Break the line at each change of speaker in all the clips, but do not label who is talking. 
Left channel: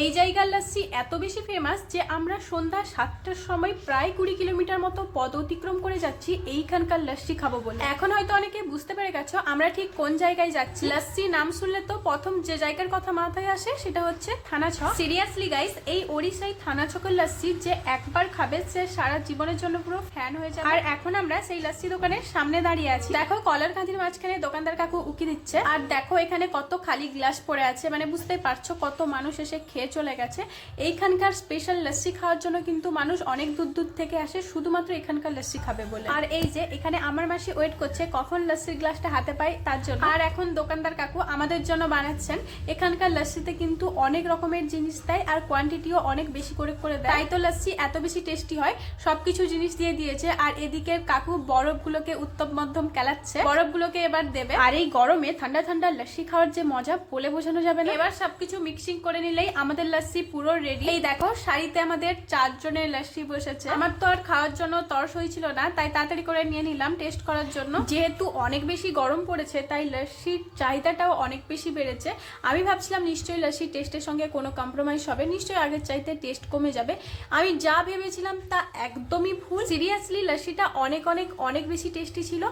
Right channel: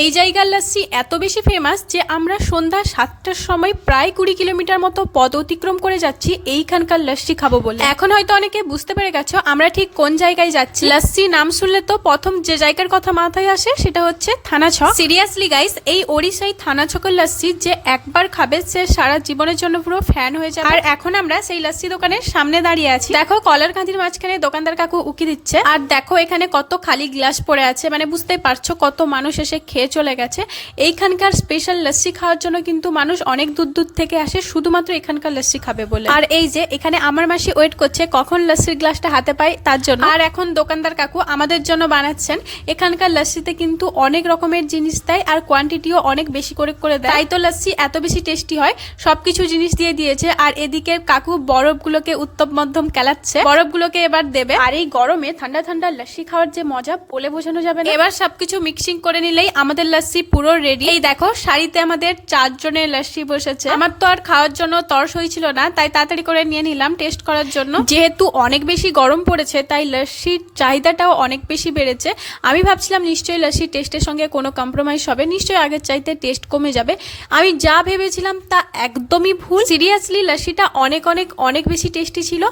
এই জায়গার লাস্সি এত বেশি ফেমাস যে আমরা সন্ধ্যা সাতটার সময় প্রায় কুড়ি কিলোমিটার মতো পদ অতিক্রম করে যাচ্ছি, এইখানকার লাস্সি খাব বলে। এখন হয়তো অনেকে বুঝতে পেরে গেছো আমরা ঠিক কোন জায়গায় যাচ্ছি। লাস্সি নাম শুনলে তো প্রথম যে জায়গার কথা মাথায় আসে সেটা হচ্ছে থানা ছক সিরিয়াসলি গাইস এই ওড়িশায় থানা ছকের লাস্সি যে একবার খাবে, সে সারা জীবনের জন্য পুরো ফ্যান হয়ে যাবে। আর এখন আমরা সেই লাস্সি দোকানের সামনে দাঁড়িয়ে আছি। দেখো, কলার কাঁদির মাঝখানে দোকানদার কাকু উকি দিচ্ছে। আর দেখো, এখানে কত খালি গ্লাস পড়ে আছে। মানে বুঝতেই পারছ কত মানুষ এসে খেয়ে চলে গেছে। এইখানকার স্পেশাল লস্যি খাওয়ার জন্য কিন্তু মানুষ অনেক দূর দূর থেকে আসে, শুধুমাত্র এখানকার লস্যি খাবে বলে। আর এই যে, এখানে আমার মাসি ওয়েট করছে কখন লস্যির গ্লাসটা হাতে পাই তার জন্য। আর এখন দোকানদার কাকু আমাদের জন্য বানাচ্ছেন। এখানকার লস্যিতে কিন্তু অনেক রকমের জিনিস দেয় আর কোয়ান্টিটিও অনেক বেশি করে করে দেয়। তাই তো লস্যি এত বেশি টেস্টি হয়, সবকিছু জিনিস দিয়ে দিয়েছে। আর এদিকে কাকু বরফগুলোকে উত্তম মধ্যম কেলাচ্ছে। বরফগুলোকে এবার দেবে। আর এই গরমে ঠান্ডা ঠান্ডা লস্যি খাওয়ার যে মজা, বলে বোঝানো যাবে না। এবার সবকিছু মিক্সিং করে নিলেই আমাদের লস্যি পুরো রেডি এই দেখো, শাড়িতে আমাদের চারজনের লস্যি বসেছে। আমার তো আর খাওয়ার জন্য তরস হয়েছিল না, তাই তাড়াতাড়ি করে নিয়ে নিলাম টেস্ট করার জন্য। যেহেতু অনেক বেশি গরম পড়েছে, তাই লস্যির চাহিদাটাও অনেক বেশি বেড়েছে। আমি ভাবছিলাম নিশ্চয়ই লস্যির টেস্টের সঙ্গে কোনো কম্প্রোমাইজ হবে, নিশ্চয়ই আগের চাইতে টেস্ট কমে যাবে। আমি যা ভেবেছিলাম তা একদমই ভুল। সিরিয়াসলি লস্যিটা অনেক অনেক অনেক বেশি টেস্টি ছিল।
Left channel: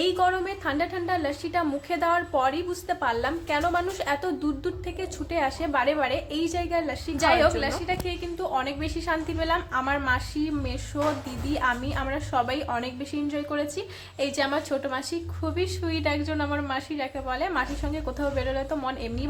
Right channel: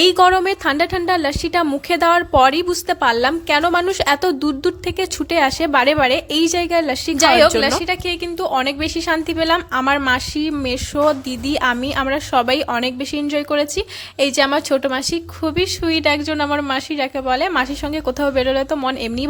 এই গরমে ঠান্ডা ঠান্ডা লস্যিটা মুখে দেওয়ার পরই বুঝতে পারলাম কেন মানুষ এত দূর দূর থেকে ছুটে আসে বারে বারে। এই জায়গায় লস্যি যাই হোক লস্যিটা খেয়ে কিন্তু অনেক বেশি শান্তি পেলাম। আমার মাসি মেশো দিদি আমি আমরা সবাই অনেক বেশি এনজয় করেছি। এই যে আমার ছোট মাসি খুবই সুইট একজন আমার মাসি যাকে বলে মাসির সঙ্গে কোথাও বেরোলে তো মন এমনি